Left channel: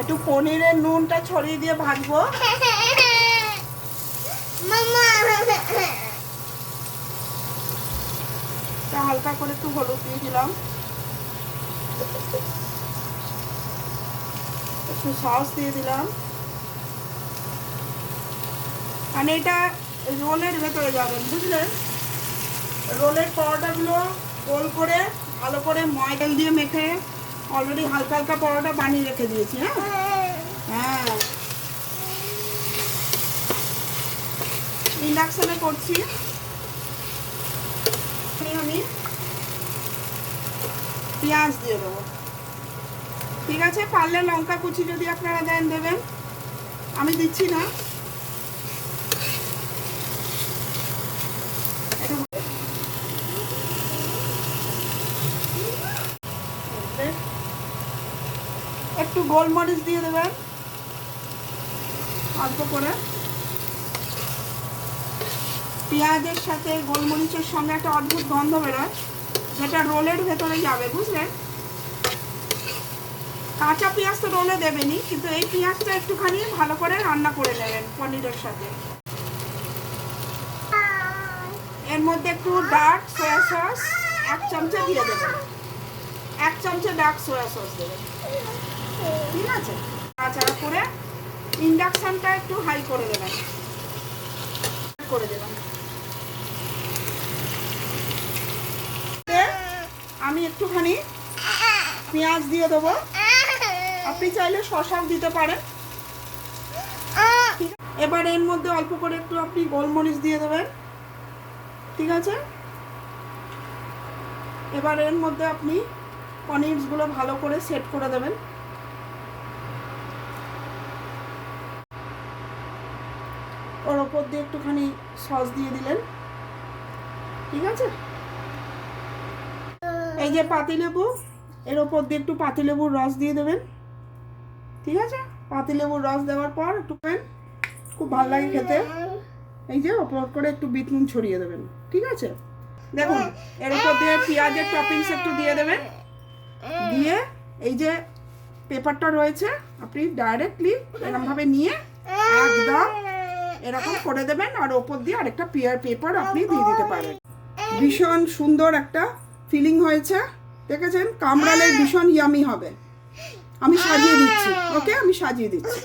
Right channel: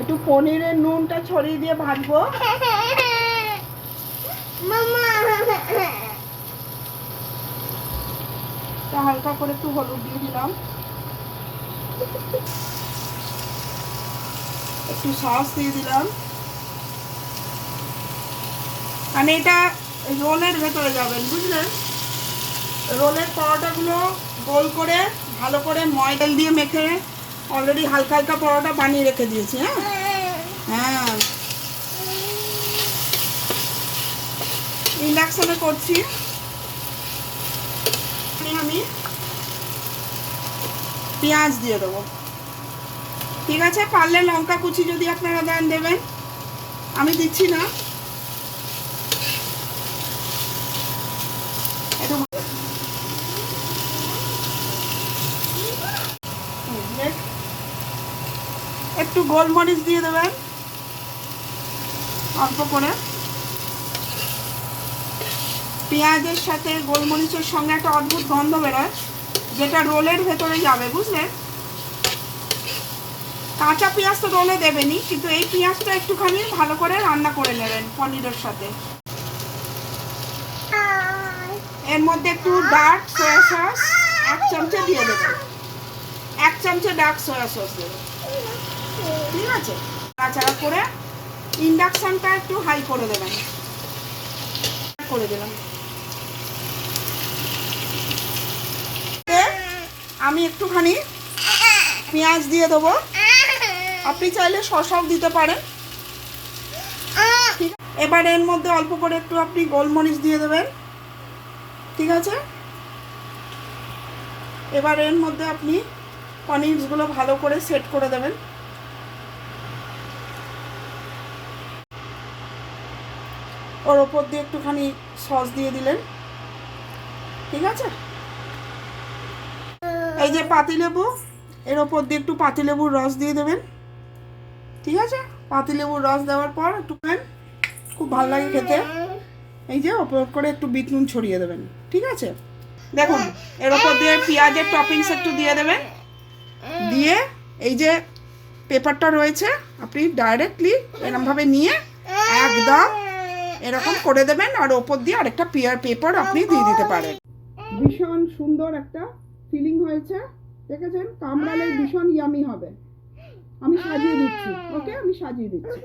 একটু পনিরের নুনটা ছড়িয়ে দিয়ে ভাজবো। হালকা করে একটু হলুদ দিয়ে দিলাম, একটু সস দিয়ে দিলাম, মানে এটা রোলের ভেতরে যাবেন, বুঝলেন? রোলের পরোটাগুলো গোল করে ভালো করে ময়দা দিয়ে মেখে অলরেডি হালকা হালকা পরোটা বানিয়ে রেখে দিয়েছি। হ্যাঁ হ্যাঁ, ইন্ডাকশনে করছি। আমি পেঁয়াজ দিয়ে দেবো, ঠিক আছে? পারলে লঙ্কা কুচি যদি আপনারা দেন দেবেন, আমি দিচ্ছি না। একটু গোলমরিচ দিয়ে দেবেন অল্প করে। পেঁয়াজের সাথে গোলমরিচের সঙ্গে একটা অদ্ভুত গন্ধ বেরোয়, যেটা রোলের ভেতরে যাবে, বুঝলেন? কাঁচা পেঁয়াজ তো রোলে দেবেনই, কিন্তু এই পেঁয়াজটা একটুখানি ভালো করে রান্না করে নেবেন পনিরের সাথে। এর মধ্যে একটু ডার্ক সয়া সস 1 চামচে দিয়ে দেবেন, 1 চামচে ডার্ক সয়া সস দেবেন, ঠিক আছে? নাড়াচাড়া করে ইন্ডাকশনটা একটু হাই করে দেবেন, করে দিলাম। আমি একটুখানি পেঁয়াজ দিয়ে দেবো, আপনি চাইলে শসাও দিতে পারেন। ঠিক, এবার এর মধ্যে অল্প করে একটু আপনি গোলমরিচ দিয়ে দেবেন, ঠিক আছে? এবার এর মধ্যে আপনি পনিরগুলো ভালো করে সেট করে দেবেন। ওর ওপর দিয়ে একটুখানি সস দিয়ে দিলেন, ঠিক আছে? এই যে পাতিলেবু, এর ওপর দিয়ে একটু পাতিলেবুর রস দিয়ে দেবেন, ঠিক আছে? পাতিলেবুর রস দেওয়ার পর একটু খুব ভালো লাগে খেতে। এই যে ওপর করে একটু বিট নুন ছড়িয়ে দেবেন, ঠিক আছে? দেখুন, এর ওপর দিয়ে পেঁয়াজের টপিংস একটু দিয়ে দেবেন, দিয়ে এই যে পেপারটা রয়েছে আপনি ডাইরেক্টলি এরকমভাবে নিয়ে একদম এরকম করে দেবেন, আর ওপর দিয়ে আরেকটা পেপার আপনি দিয়ে দিতে পারেন। ভীষণ সুন্দর একটা ফিলিং হয়েছে, দেখেছেন? কামড়ালে ভীষণ ইয়ামি হবে। আমি সাজিয়ে দিচ্ছি, ওকে? আমি সাজিয়ে দিচ্ছি।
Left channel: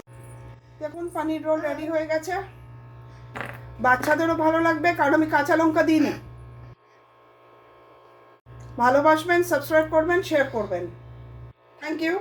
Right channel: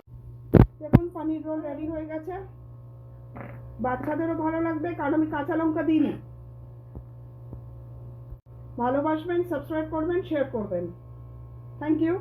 দেখুন, পনির রোল রেডি হয়ে গেছে। বাচ্চাদেরও ভালো লাগবে, কারণ আমি কাঁচা লঙ্কা দিইনি। ভালোবাসবেন, সাবস্ক্রাইব করবেন, শেয়ার করবেন। Thank you.